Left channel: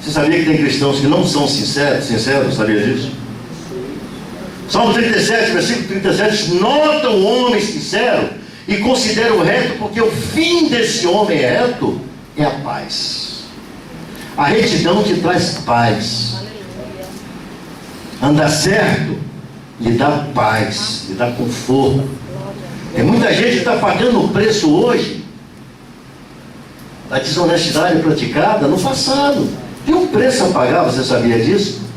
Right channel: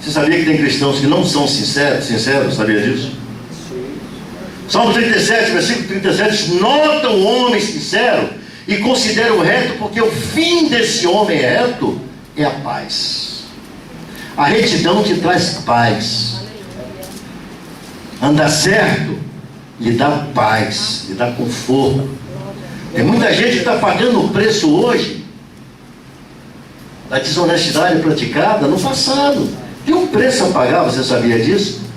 Você sabia que tem cristãos que não são sinceros? Sabia disso? Salmo 37, versículo 37, nota o homem sincero e considera o reto, porque o fim desse homem reto é a paz. A retidão te traz paz. Andar certo lhe dá paz, lhe dá conforto. Tem muita gente que está pagando o preço hoje da desonestidade praticada no passado. Tem um preço a pagar, você sabia disso?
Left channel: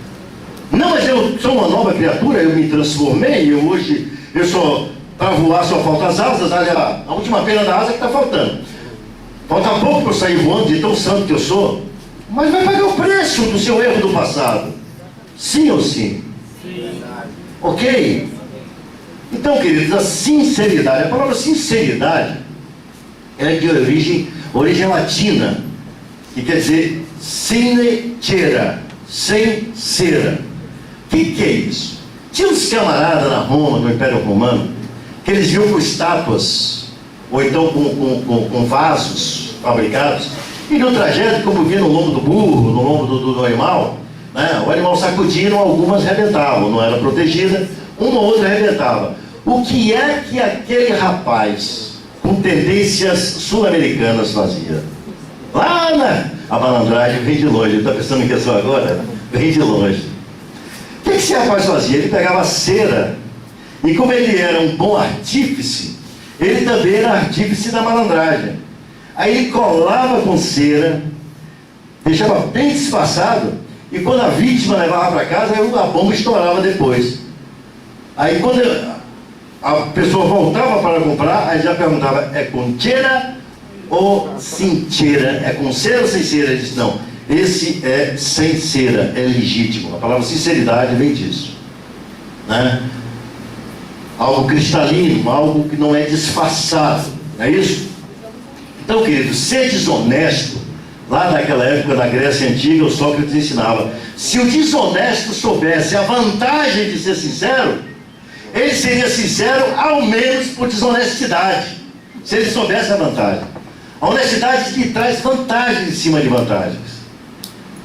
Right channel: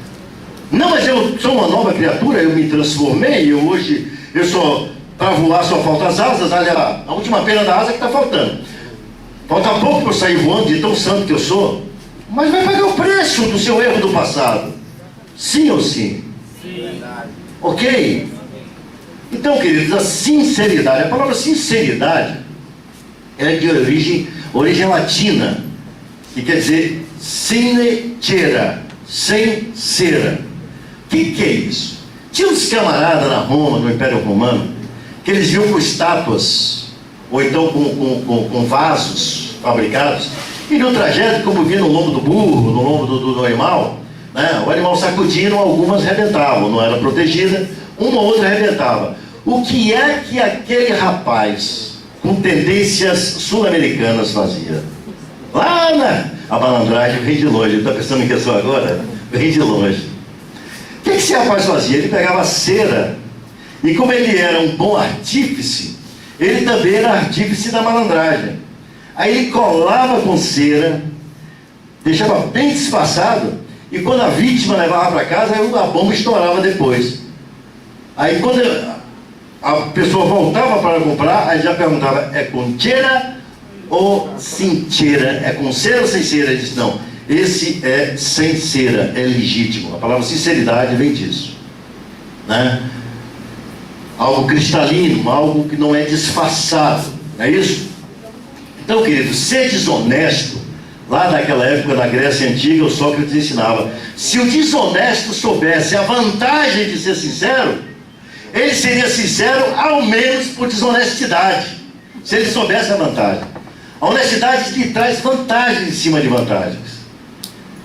Não, mas eu sou uma nova criatura, eu me transformei, hoje eu só, para voar só faltam as asas, olha, a última pena da asa que está faltando. Falta pouco para eu sair voando de tão santo que eu sou. Mas vai pagar o preço do seu erro do passado. Sim ou sim? Sim. Ok? Então, queridos, a sinceridade, a palavra sinceridade é de origem latina, que quer dizer sinecera, sem cera. O que é isso? Tinha uns camaradas na Roma, no Império Romano, que eles viam com estátuas, ou então com vasos fabricados, e no trajeto, como via no lombo do burro, no lombo do animal, né, o animal sacudindo, algumas arrebentavam, não era protegida, uma ou outra arrebentava. O que é que aquele rapaz, com tendências sul-americanas, fazia? Lá a malandragem vem de longe. Está pensando que é só agora? Vem de longe. O que esse rapaz fazia? Ele pegava cera, e como ele era um bom artífice, ele também era artífice da malandragem. Aí ele colava com cera, deixava bem disfarçado, e quando a vítima levava para casa, a bomba estourava depois. Aí quando a pessoa voltava para comprar, aí já perguntava, é com cera ou sem cera? É com cera ou sem cera? Ele disse, não, esse é sem cera, é legítimo. A palavra sinceridade vem disso, né? Algo cristalino, algo que não é disfarçado, não é isso? Então, querido, ser desonesto, lá naquela época na Grécia Antiga, o Sócrates ensinava, se o desonesto soubesse a vantagem de ser sincero, ele seria sincero ao menos por desonestidade, se ele soubesse a vantagem. A honestidade lhe traz vantagens em cima de vantagens.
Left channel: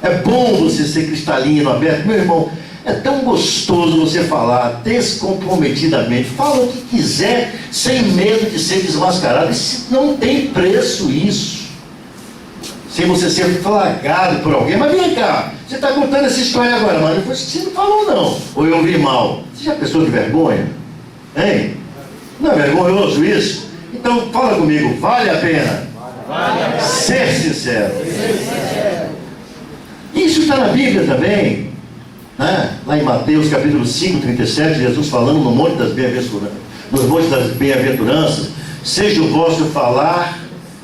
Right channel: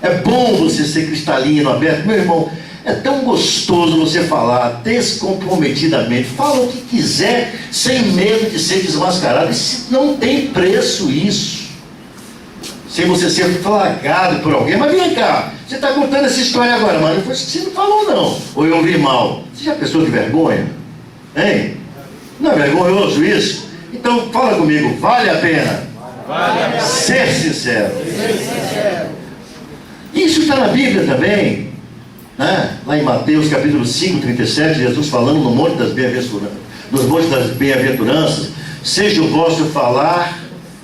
É bom você ser cristalino, aberto. Meu irmão, é tão gostoso você falar descomprometidamente. Fala o que quiser, sem medo de ser desmascarado. Isso não tem preço, isso. Sem você ser flagrado por alguém. Mas vem cá, você está contando essa história agora, mas não foi isso que você não falou, não. Ou eu ouvi mal. Você já pensou de vergonha? Hein? Não é vergonhoso isso? Então fala comigo, vale a pena? Vale a pena. Ser sincero. Isso está na Bíblia também, né? Lá em Mateus capítulo 5, 37, Jesus falando no Monte das Bem-aventuranças, nos Montes das Bem-aventuranças, seja o vosso falar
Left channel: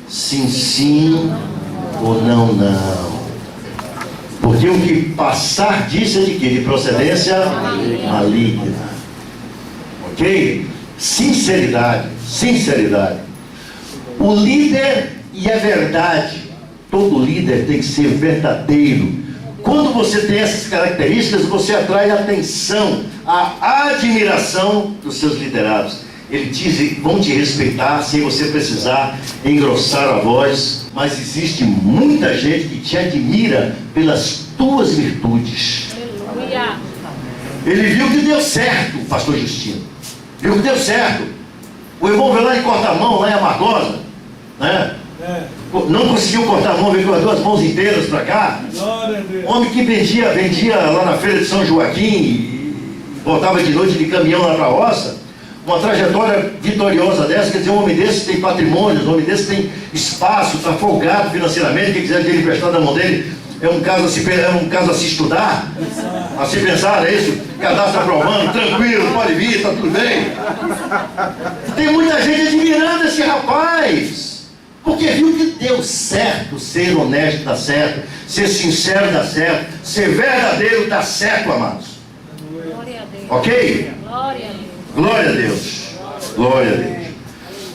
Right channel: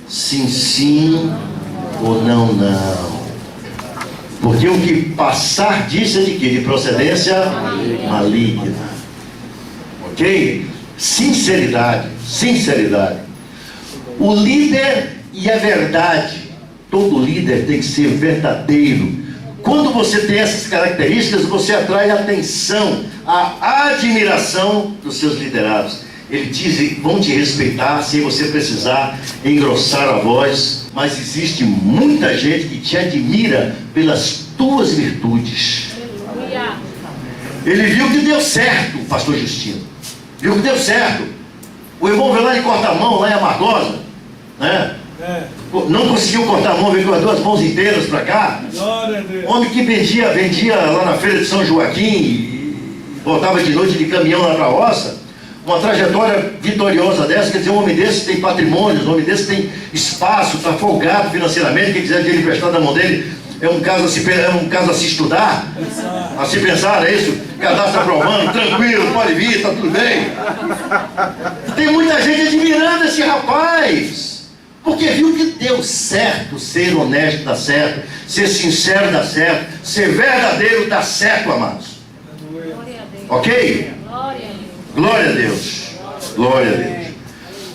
sim, sim, ou não, não. Porque o que passar disso é de quê? De procedência maligna. Ok? Sinceridade, sinceridade. O líder e a verdade. Todo líder tem que ser verdadeiro. Quando você tem essas características, você atrai a atenção, a admiração dos seus liderados. Eles vão te respeitar sem você precisar engrossar a voz, mas existe muita gente que te admira pelas tuas virtudes. Ele viu que deu certo, o pastor Justino. Viu que deu certo. O irmão veio lá e corta a mão, lá em Amargosa, né? Não conseguiu cortar a mão, veio com as duas mãos inteiras para cá. Homem que vendia lá na feira de São Joaquim e voltava de noite de caminhão lá para a roça. Uma trajetória vitoriosa dessa, quer dizer, um homem desse tem patrimônio, um homem desse tem espaço, está folgado financeiramente. Quem quiser dinheiro emprestado na mão dele, é um caso a se estudar, a se pensar, é isso? Cadastro aprovando, tranquilo, pode vir, está tudo bem. Tem muita gente admirando esse rapaz, porque viu que deu certo. Ser honesto dá certo, ser sincero dá certo, ser verdadeiro dá certo, amados. Ok? Glória a Deus. Glória a Deus.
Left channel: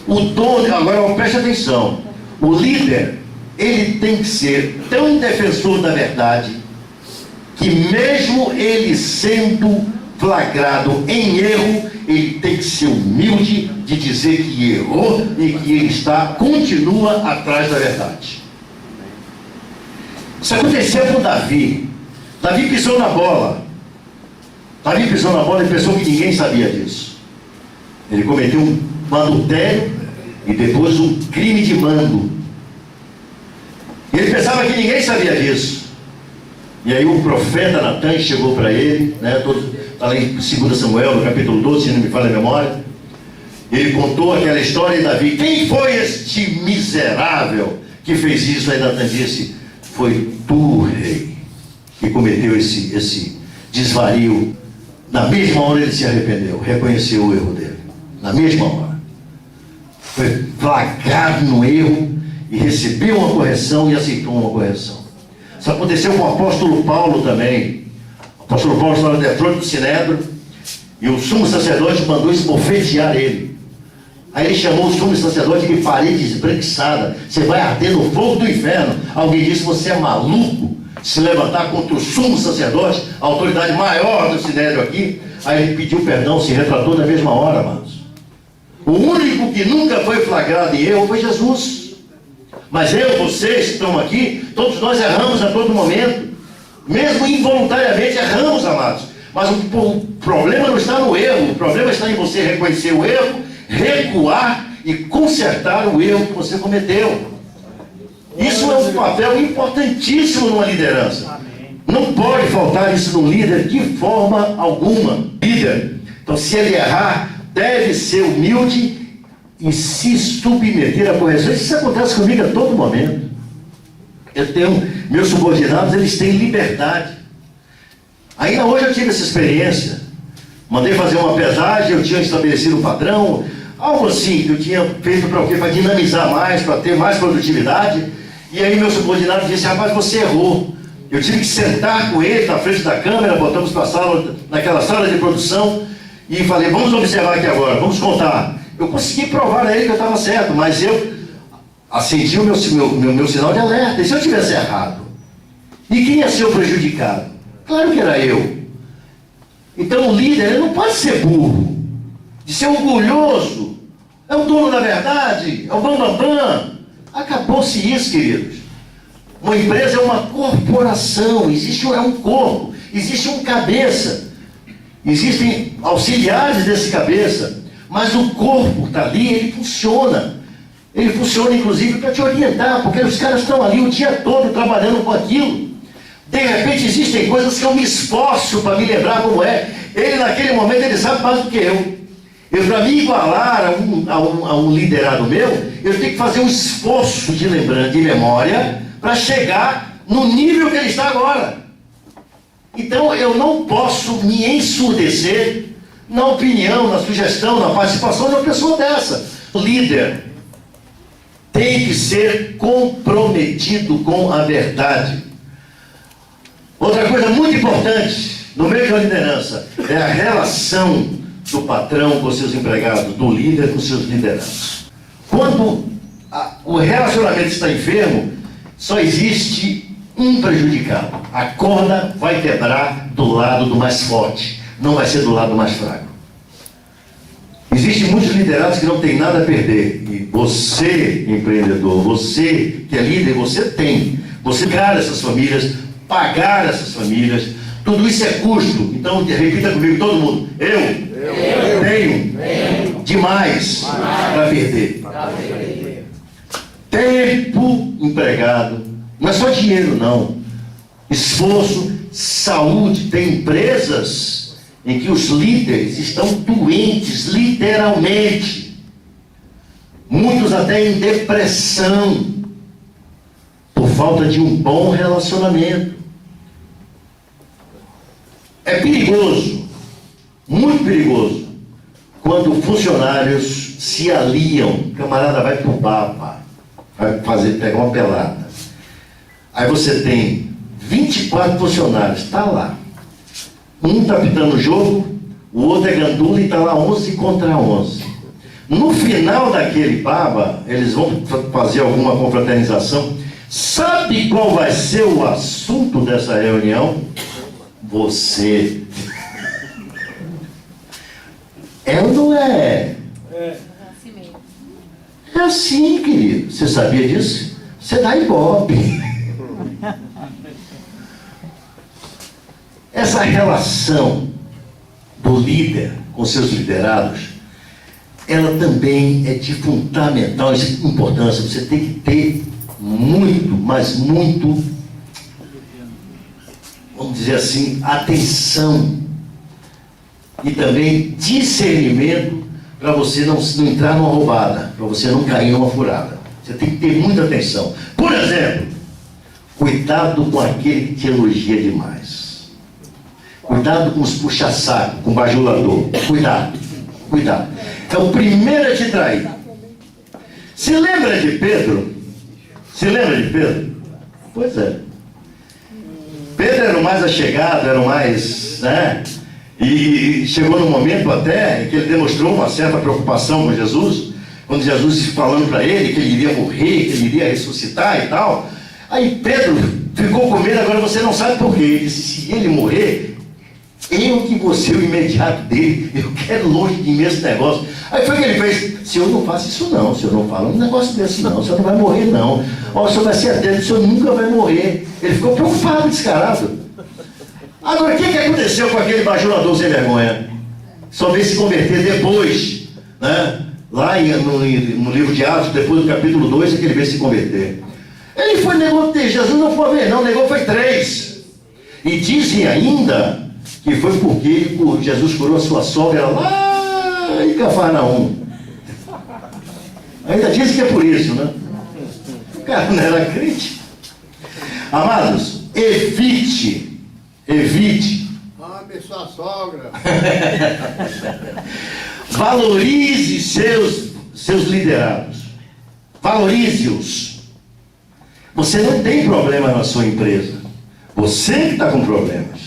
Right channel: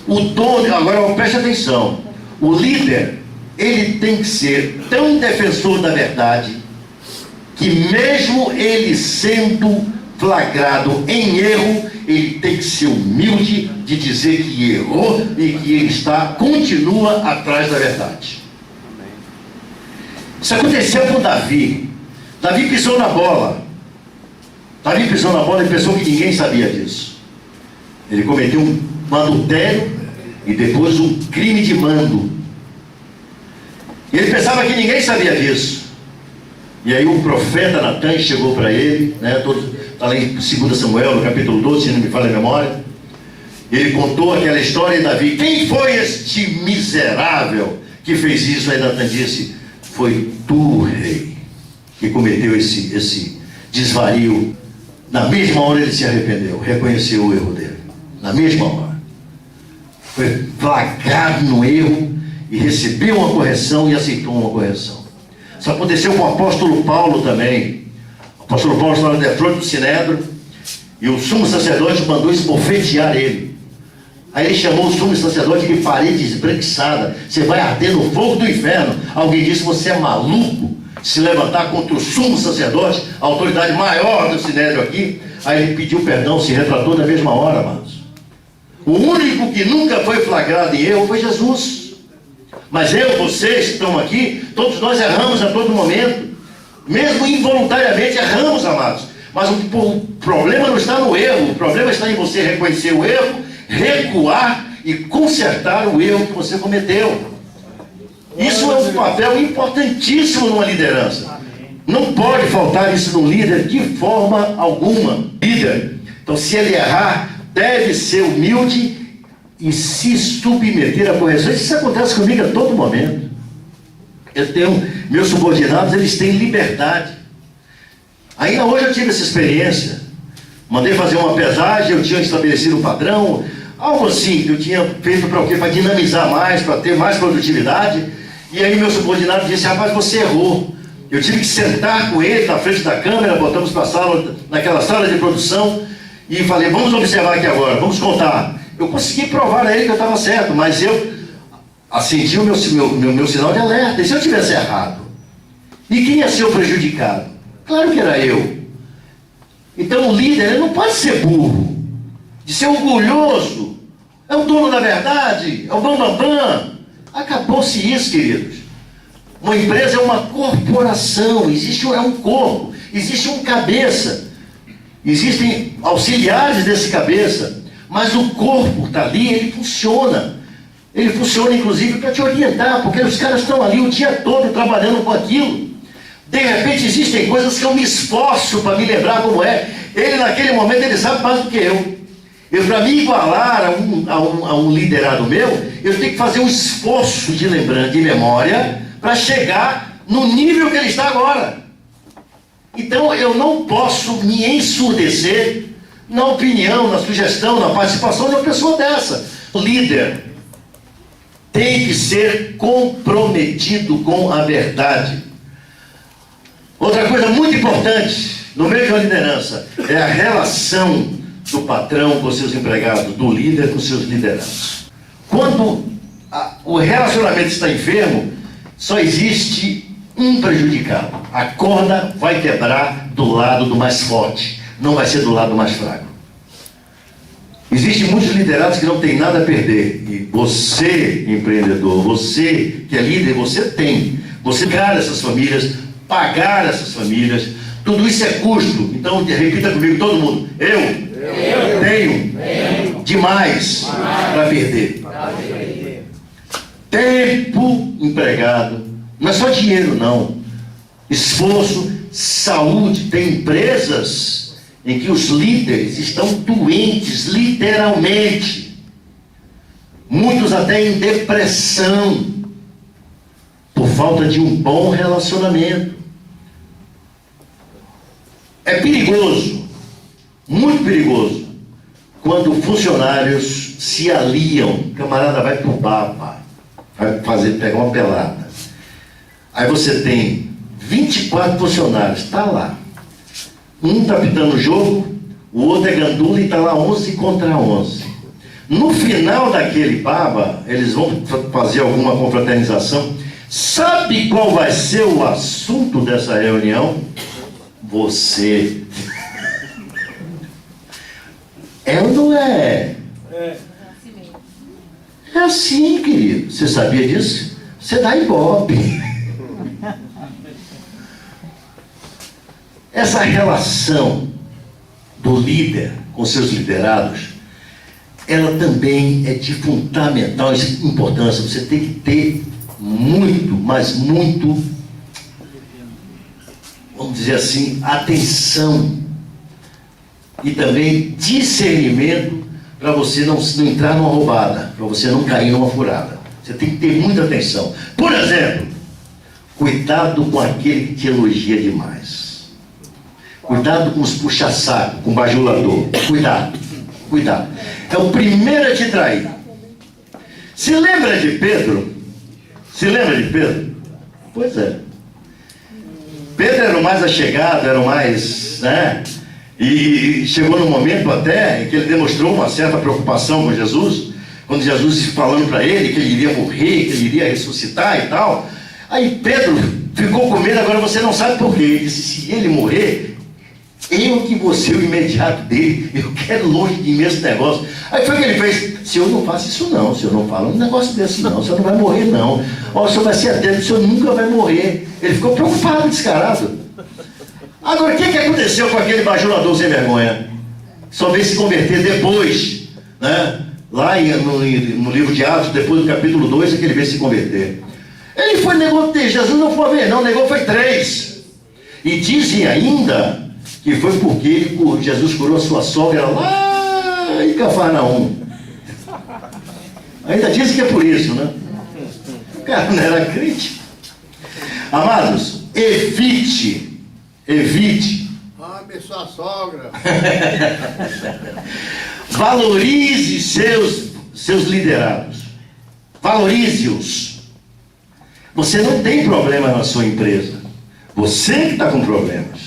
O dono, agora preste atenção, o líder, ele tem que ser tão defensor da verdade, que mesmo ele sendo flagrado em erro, ele tem que ser humilde de dizer que errou e que ele continua atrás da verdade. Isso aconteceu com Davi. Davi pisou na bola. Davi pisou na bola e pensou que ninguém sabia disso. Ele cometeu um adultério e depois um crime de mando. E ele pensava que ninguém sabia disso. E aí o profeta Natan chegou para ele, né, está lá em 2 Samuel, no capítulo 12, se não me falha a memória. Ele contou aquela história de Davi. Quem foi este miserável que fez isso? Aí Natan disse: foi tu, rei, que cometeu esse desvario. Na mesma hora ele se arrependeu, reconheceu o erro dele. Na mesma hora. Foi flagrado no erro e recebeu uma correção e aceitou uma correção. Isso aconteceu com o apóstolo Paulo também. O apóstolo Paulo estava na frente do Sinédrio e o sumo sacerdote mandou esbofetear ele. Aí ele chamou o sumo sacerdote de parede esbranquiçada. Você vai arder no fogo do inferno. Alguém disse: você é maluco se levantar contra o sumo sacerdote, a autoridade maior do Sinédrio aqui. Aí ele pediu perdão, se retratou na mesma hora, amados. O único que nunca foi flagrado em erro foi Jesus. Mas vocês que estão aqui, todos nós erramos a todo momento. Mesmo involuntariamente erramos, amados. Mas o problema não está no erro. O problema está em você reconhecer o erro, recuar e consertar o erro que você cometeu. Isso é um papel importantíssimo numa liderança. Não pode faltar isso no líder de forma alguma. Líder, então, se ele errar, deve ser humilde e se submeter a correções. Isso acontece comigo a todo momento. Eu tenho meus subordinados, eles têm liberdade. Ainda hoje eu tive essa experiência. Mandei fazer uma pesagem, eu tinha estabelecido um padrão, algo assim que eu tinha feito para o quê? Para dinamizar mais, para ter mais produtividade. E aí meu subordinado disse: rapaz, você errou. Eu tive que sentar com ele na frente da câmera, botamos para a sala, naquela sala de produção, e falei: vamos observar aqui agora, vamos contar. Eu consegui provar a ele que eu estava certo, mas eu acendi o meu sinal de alerta. E se eu tivesse errado? E quem ia ser o prejudicado? Claro que era eu. Então o líder, ele não pode ser burro, de ser orgulhoso, é o dono da verdade, é o bambambam. Acabou-se isso, queridos. Uma empresa é uma corporação, existe um corpo, existe um cabeça, existem auxiliares desse cabeça, mas o corpo está ali, ele funciona. Ele funciona inclusive para te orientar, porque os caras estão ali o dia todo trabalhando com aquilo. De repente existem coisas que eu me esforço para me lembrar como é. Ele naquele momento ele sabe mais do que eu. Para me igualar a um liderado meu, eu tenho que fazer um esforço de lembrança, de memória, para chegar no nível que ele está agora. Então eu não posso me ensurdecer na opinião, na sugestão, na participação de uma pessoa dessa. O líder tem que ser comprometido com a verdade. Outra coisa muito importante no meio de uma liderança é a relação do patrão com seus empregados, do líder com seus liderados. Quando o relacionamento está enfermo, só existe um prejudicado. A corda vai quebrar do lado do mais forte, não vai ser do lado mais fraco. Existem muitos liderados que não têm nada a perder. E você, empreendedor, você que é líder, você tem. Você pagar essas famílias, pagar essas famílias, tudo isso é custo. Então, repita comigo, todo mundo. Eu tenho demais para perder. Tempo empregado, não é só dinheiro não, esforço, saúde. Tem empresas em que os líderes estão doentes, literalmente, muitos até em depressão, por falta de um bom relacionamento. É perigoso, muito perigoso, quando funcionários se aliam. O camarada vai pro bar, vai pegar uma pelada. Aí você tem 24 funcionários, está lá. Um está pitando o jogo, o outro é gandula e está lá 11 contra 11. No final daquele baba, eles vão fazer alguma confraternização. Sabe qual vai ser o assunto dessa reunião? Você. É ou não é? É assim, querido. Você sabia disso? Você dá ibope. Essa relação do líder com seus liderados, ela também é de fundamental importância. Você tem que ter muito, mas muito, vamos dizer assim, atenção e também discernimento para você não entrar numa roubada, para você não cair numa furada. Você tem que ter muita atenção. Por exemplo, cuidado com aquele que te elogia demais. Cuidado com os puxa-saco, com o bajulador. Cuidado, cuidado. É o primeiro a te trair. Se lembra de Pedro? Se lembra de Pedro? Pois é. Pedro era o mais achegado, era o mais, né? E chegou no momento até em que ele demonstrou uma certa preocupação com Jesus, quando Jesus falando para ele que ele iria morrer, que ele iria ressuscitar e tal. Aí Pedro ficou com medo, agora você não sabe por quê. Ele disse, se ele morrer, eu que vou ser o imediato dele, eu quero longe de mim esse negócio. Aí foi que ele fez, senhor não faça isso não, o senhor não fala um negócio desse não, o senhor não vai morrer não. Ó, o senhor vai ser atento, o senhor nunca vai morrer. Ele ficou preocupado, descarado. Agora, o que aconteceu com aquele bajulador sem vergonha? Só veio se converter depois, né? Lá no livro de Atos, depois do capítulo 2, é que ele veio se converter. Ele foi negou, Jesus não foi ver não, negou foi 3. E dizem ainda que foi porque Jesus curou a sua sogra lá em Cafarnaum. Ainda dizem que é por isso, né? O cara não era crente. Amados, evite. Ame sua sogra. Valorize seus liderados. Valorize-os. Você não tem problema na sua empresa. Você que está com problemas.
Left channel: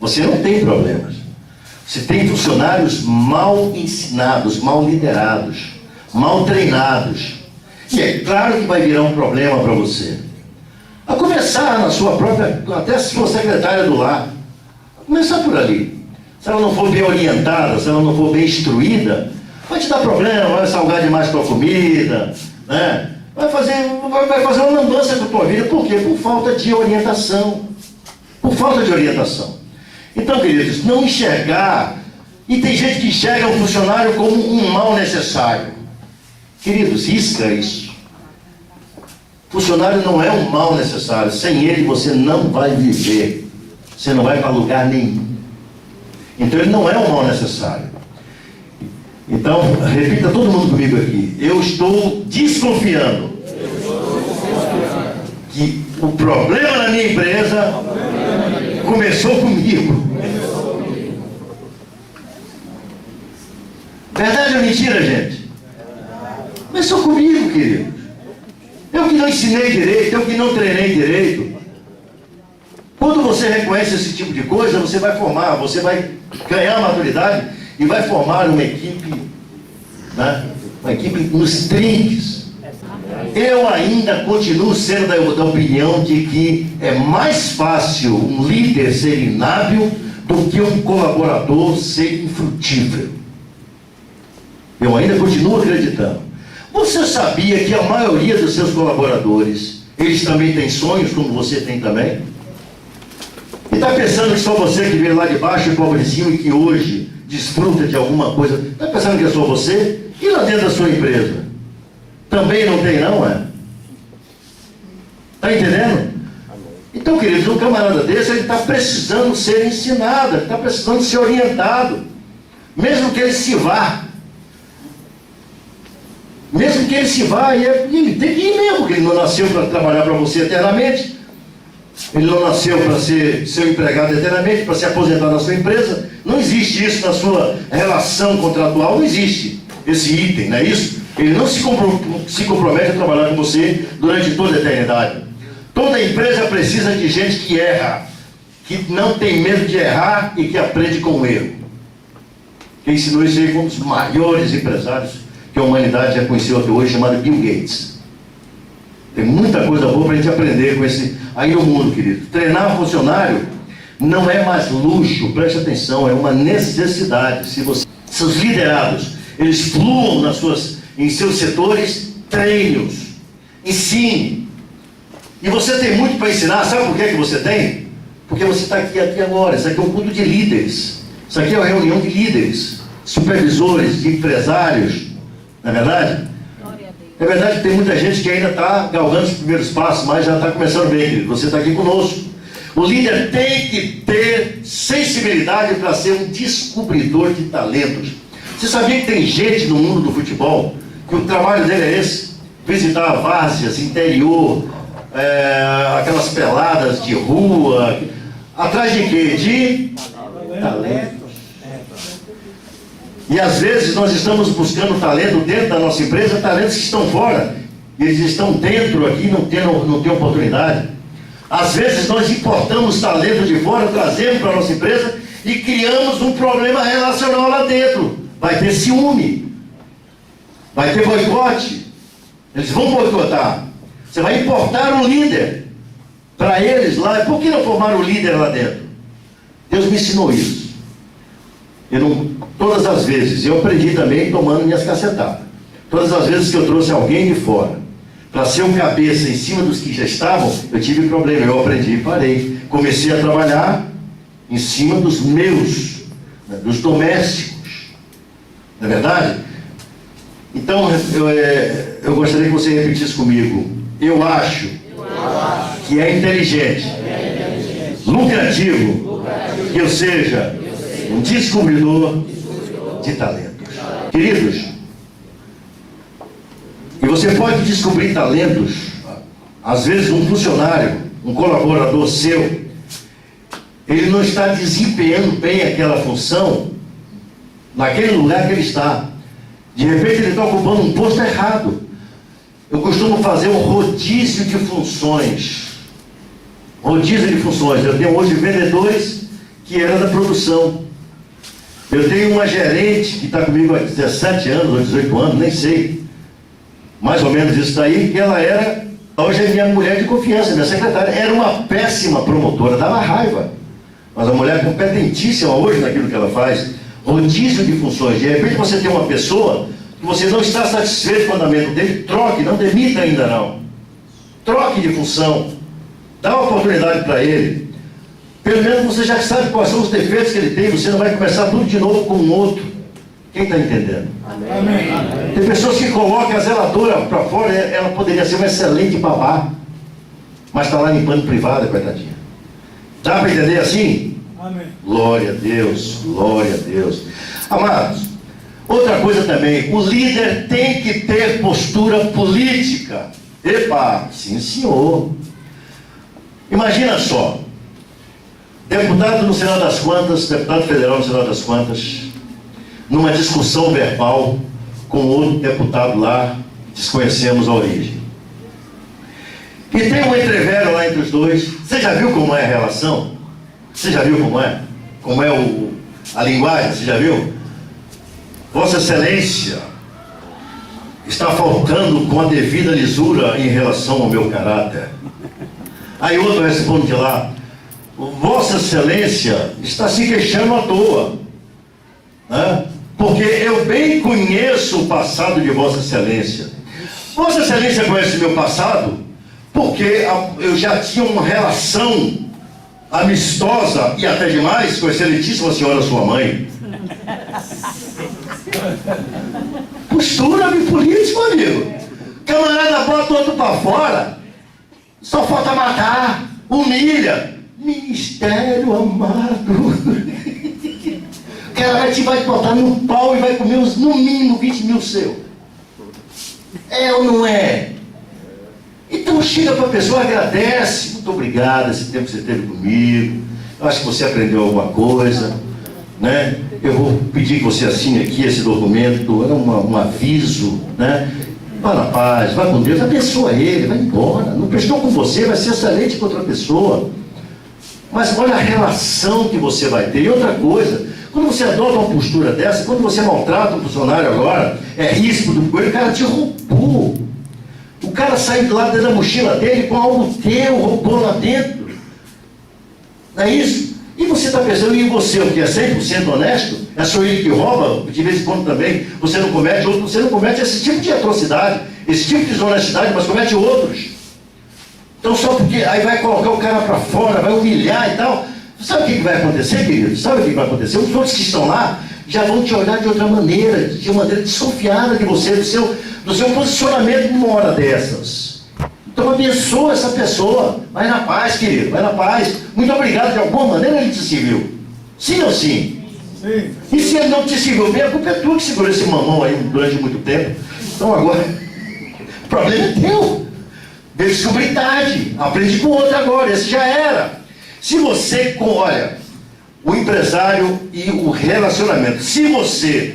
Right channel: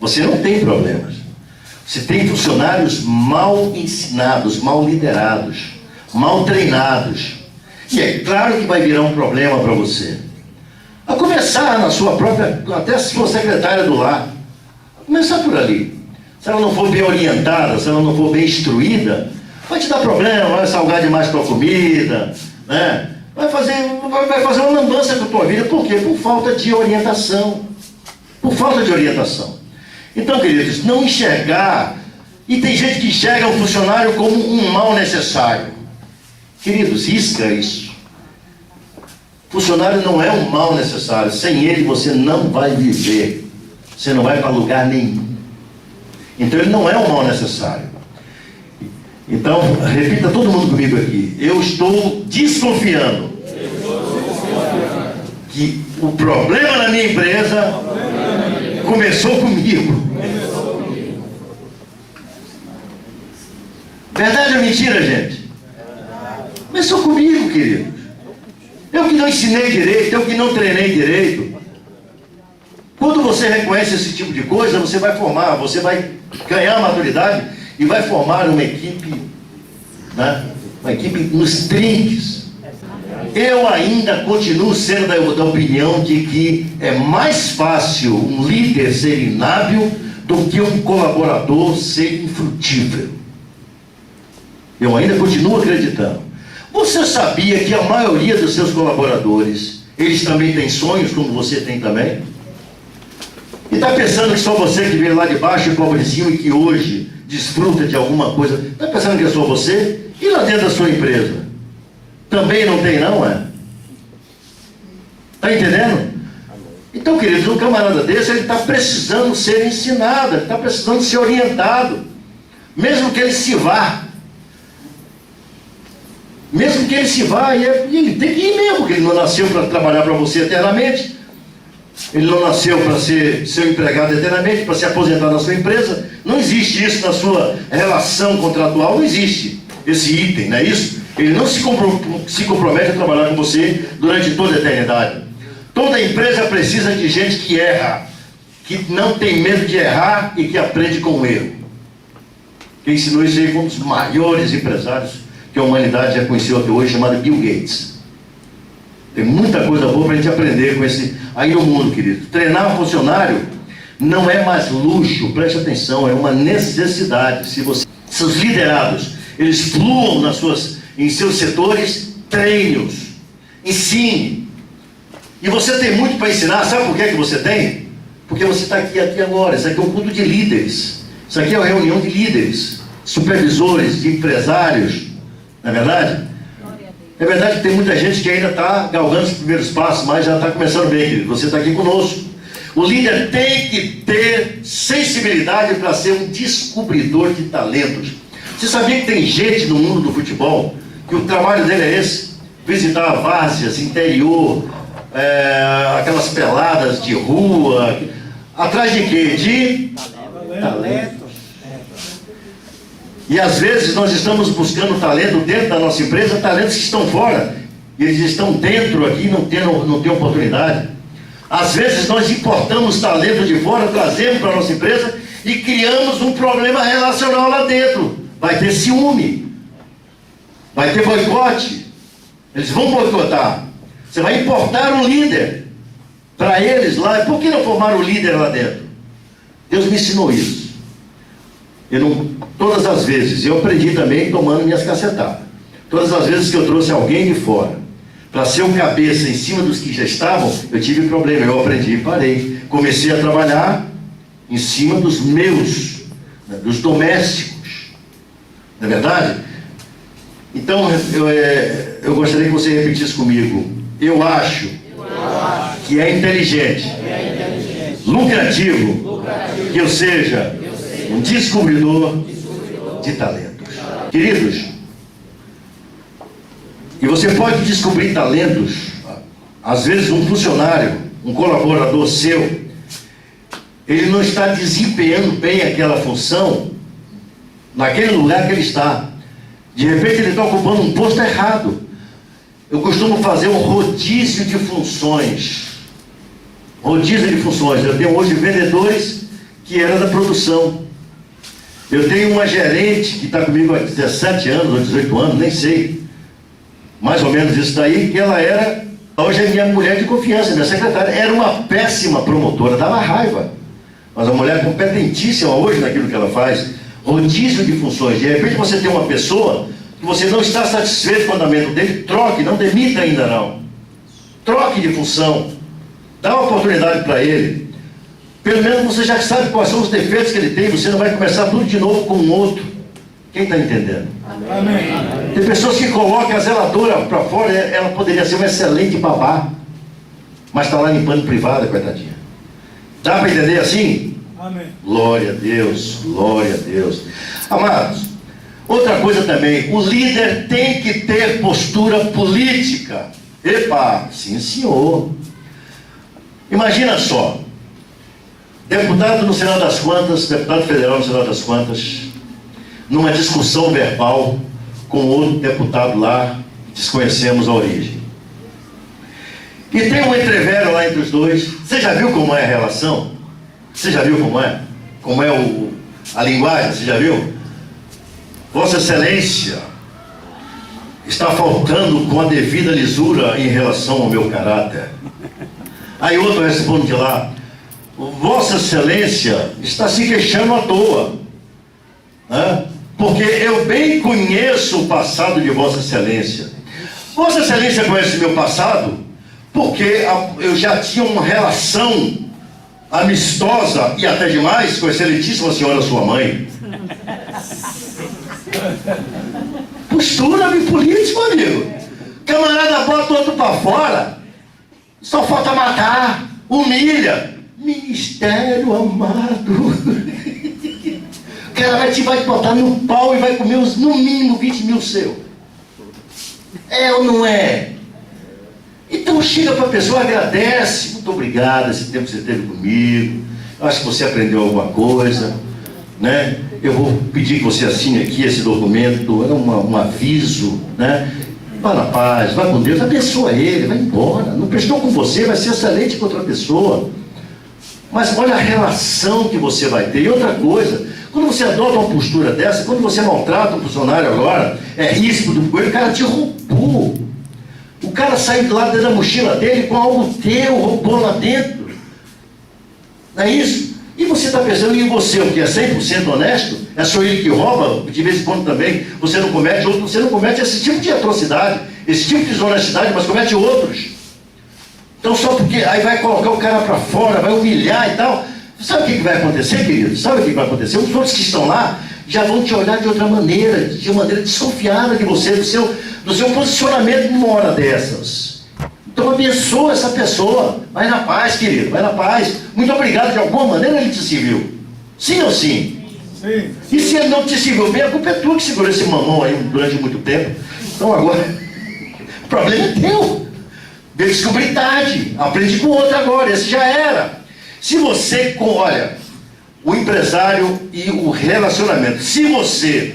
Você não tem problemas. Você tem funcionários mal ensinados, mal liderados, mal treinados. E é claro que vai virar um problema para você. A começar na sua própria, até se for secretária do lar, começar por ali. Se ela não for bem orientada, se ela não for bem instruída, vai te dar problema, vai salgar demais tua comida, né? Vai fazer uma lambança com a tua vida. Por quê? Por falta de orientação. Por falta de orientação. Então, queridos, não enxergar, e tem gente que enxerga o funcionário como um mal necessário. Queridos, risca isso. Funcionário não é um mal necessário. Sem ele você não vai viver. Você não vai para lugar nenhum. Então ele não é um mal necessário. Então, repita todo mundo comigo aqui. Eu estou desconfiando que o problema na minha empresa começou comigo. Verdade ou mentira, gente? Começou comigo, querido. Eu que não ensinei direito, eu que não treinei direito. Quando você reconhece esse tipo de coisa, você vai formar, você vai ganhar maturidade e vai formar uma equipe, né? Uma equipe nos trinques. Eu ainda continuo sendo da opinião de que é mais fácil um líder ser inábil do que um colaborador ser infrutífero. Eu ainda continuo acreditando. Você sabia que a maioria dos seus colaboradores, eles também têm sonhos, como você tem também? E está pensando que só você que veio lá de baixo e pobre de cima e que hoje desfruta de alguma coisa, está pensando que é só você? E lá dentro da sua empresa? Também não tem não, é? Está entendendo? Então, queridos, um camarada desse, ele está precisando ser ensinado, ele está precisando ser orientado, mesmo que ele se vá. Mesmo que ele se vá, e ele tem que ir mesmo, porque ele não nasceu para trabalhar para você eternamente, ele não nasceu para ser seu empregado eternamente, para se aposentar na sua empresa. Não existe isso na sua relação contratual, não existe esse item, não é isso? Ele não se compromete a trabalhar com você durante toda a eternidade. Toda empresa precisa de gente que erra, que não tem medo de errar e que aprende com o erro. Quem ensinou isso aí foi um dos maiores empresários que a humanidade já conheceu até hoje, chamado Bill Gates. Tem muita coisa boa para a gente aprender com esse aí no mundo, querido. Treinar funcionário não é mais luxo, preste atenção, é uma necessidade. Se seus liderados, eles fluam em seus setores, treine-os, ensine. E você tem muito para ensinar, sabe por que você tem? Porque você está aqui agora. Isso aqui é um culto de líderes. Isso aqui é uma reunião de líderes, supervisores, de empresários. Não é verdade? É verdade que tem muita gente que ainda está galgando os primeiros passos, mas já está começando bem, querido. Você está aqui conosco. O líder tem que ter sensibilidade para ser um descobridor de talentos. Você sabia que tem gente no mundo do futebol que o trabalho dele é esse? Visitar várzeas, interior, aquelas peladas de rua. Atrás de quê? De talento. E às vezes nós estamos buscando talento dentro da nossa empresa, talentos que estão fora. E eles estão dentro aqui e não têm oportunidade. Às vezes nós importamos talento de fora, trazemos para a nossa empresa e criamos um problema relacional lá dentro. Vai ter ciúme, vai ter boicote. Eles vão boicotar. Você vai importar um líder para eles lá. Por que não formar um líder lá dentro? Deus me ensinou isso. Todas as vezes, eu aprendi também tomando minhas cacetadas. Todas as vezes que eu trouxe alguém de fora para ser um cabeça em cima dos que já estavam, eu tive problema. Eu aprendi e parei. Comecei a trabalhar em cima dos meus, dos domésticos. Não é verdade? Então, eu gostaria que você repetisse comigo. Eu acho que é inteligente, lucrativo, que eu seja um descobridor de talentos. Queridos, e você pode descobrir talentos. Às vezes um funcionário, um colaborador seu, ele não está desempenhando bem aquela função naquele lugar que ele está. De repente ele está ocupando um posto errado. Eu costumo fazer um rodízio de funções. Rodízio de funções. Eu tenho hoje vendedores que eram da produção. Eu tenho uma gerente que está comigo há 17 anos ou 18 anos, nem sei. Mais ou menos isso daí, que ela era, hoje é minha mulher de confiança, minha secretária. Era uma péssima promotora, dava raiva. Mas a mulher é competentíssima hoje naquilo que ela faz. Rodízio de funções. De repente você tem uma pessoa que você não está satisfeito com o andamento dele, troque, não demita ainda não. Troque de função. Dá uma oportunidade para ele. Pelo menos você já sabe quais são os defeitos que ele tem, você não vai começar tudo de novo com um outro. Quem está entendendo? Amém. Tem pessoas que colocam a zeladora para fora, ela poderia ser uma excelente babá, mas está lá limpando privada, coitadinha. Dá para entender assim? Amém. Glória a Deus, glória a Deus. Amados, outra coisa também, o líder tem que ter postura política. Epa, sim senhor. Imagina só, deputado no Senado das Contas, deputado federal no Senado das Contas, numa discussão verbal com outro deputado lá, desconhecemos a origem. E tem um entrevero lá entre os dois. Você já viu como é a relação? Você já viu como é? Como é a linguagem? Você já viu? Vossa Excelência está faltando com a devida lisura em relação ao meu caráter. Aí outro responde de lá: Vossa Excelência está se queixando à toa, né? Porque eu bem conheço o passado de Vossa Excelência. Vossa Excelência conhece meu passado porque eu já tinha uma relação amistosa e até demais com a excelentíssima senhora sua mãe. Postura política, amigo. Camarada bota outro para fora, só falta matar, humilha. Ministério amado. O cara vai te botar no pau e vai comer no mínimo 20 mil seu. É ou não é? Então chega para a pessoa, agradece. Muito obrigado, esse tempo que você teve comigo. Eu acho que você aprendeu alguma coisa, né? Eu vou pedir que você assine aqui esse documento. É um aviso, né? Vá na paz, vá com Deus, abençoa ele, vai embora. Não prestou com você, vai ser excelente com outra pessoa. Mas olha a relação que você vai ter. E outra coisa, quando você adota uma postura dessa, quando você maltrata um funcionário agora, é risco do coelho, o cara te roubou. O cara saiu lá dentro da mochila dele com algo teu, roubou lá dentro. Não é isso? E você está pensando em você, o que é 100% honesto? É só ele que rouba, de vez em quando também você não comete, você não comete esse tipo de atrocidade, esse tipo de desonestidade, mas comete outros. Então só porque aí vai colocar o cara para fora, vai humilhar e tal. Sabe o que vai acontecer, querido? Sabe o que vai acontecer? Os outros que estão lá já vão te olhar de outra maneira, de uma maneira desconfiada de você, do seu posicionamento numa hora dessas. Então abençoa essa pessoa. Vai na paz, querido, vai na paz. Muito obrigado, de alguma maneira ele te serviu. Sim ou sim? Sim. E se ele não te serviu bem, a culpa é tua que segurou esse mamão aí durante muito tempo. Então agora, o problema é teu. Descobrir tarde, aprende com o outro agora, esse já era. Se você, olha, o empresário e o relacionamento, se você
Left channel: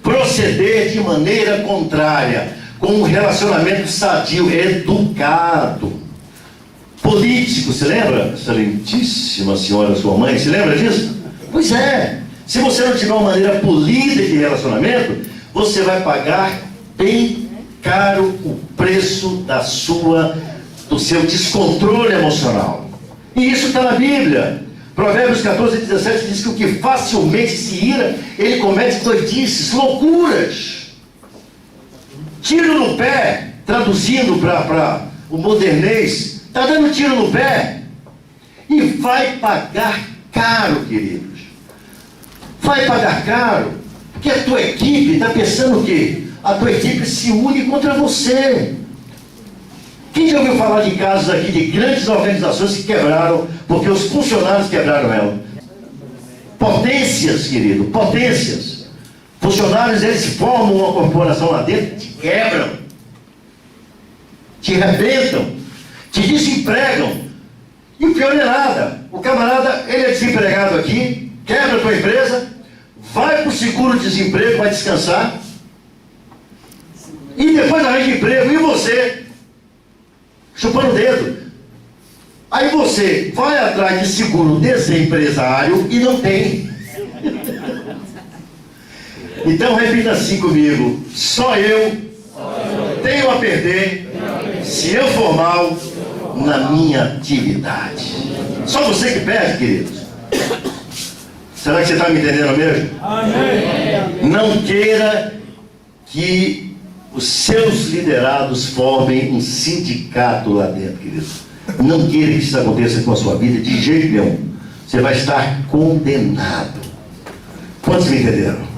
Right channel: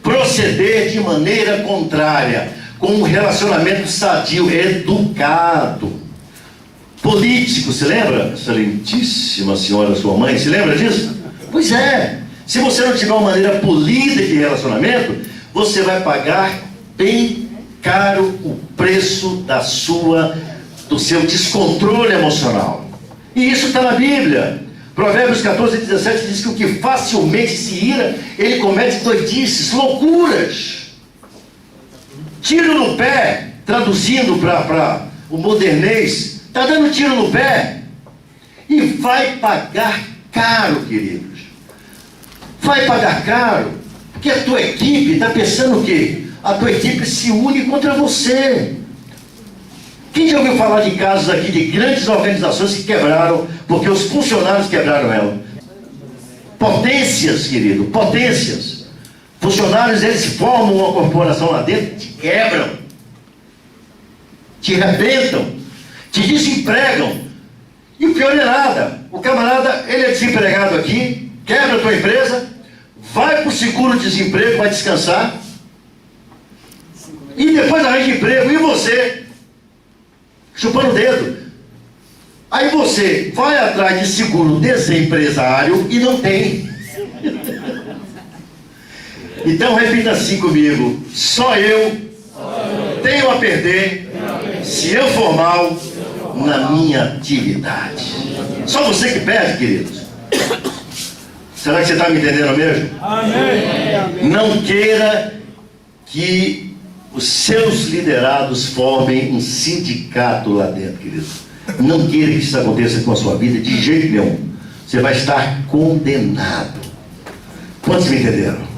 proceder de maneira contrária, com um relacionamento sadio, educado, político, se lembra, excelentíssima senhora, sua mãe, se lembra disso? Pois é, se você não tiver uma maneira polida de relacionamento, você vai pagar bem caro o preço do seu descontrole emocional. E isso está na Bíblia. Provérbios 14, 17 diz que o que facilmente se ira, ele comete doidices, loucuras. Tiro no pé, traduzindo para o modernês, está dando tiro no pé. E vai pagar caro, queridos. Vai pagar caro, porque a tua equipe está pensando o quê? A tua equipe se une contra você. Quem já ouviu falar de casos aqui de grandes organizações que quebraram, porque os funcionários quebraram ela? Potências, querido, potências. Funcionários, eles formam uma corporação lá dentro, te quebram, te arrebentam, te desempregam. E o pior é nada, o camarada, ele é desempregado aqui, quebra a tua empresa, vai para o seguro-desemprego, vai descansar, e depois arranja emprego, e você, chupando o dedo. Aí você vai atrás de seguro-desempresário e não tem. Então repita assim comigo: só eu tenho a perder se eu for mal na minha atividade. Só você que perde, queridos. Será que você está me entendendo mesmo? Amém. Não queira que os seus liderados formem um sindicato lá dentro, querido. Não queira que isso aconteça com a sua vida de jeito nenhum. Você vai estar condenado. Quantos me entenderam?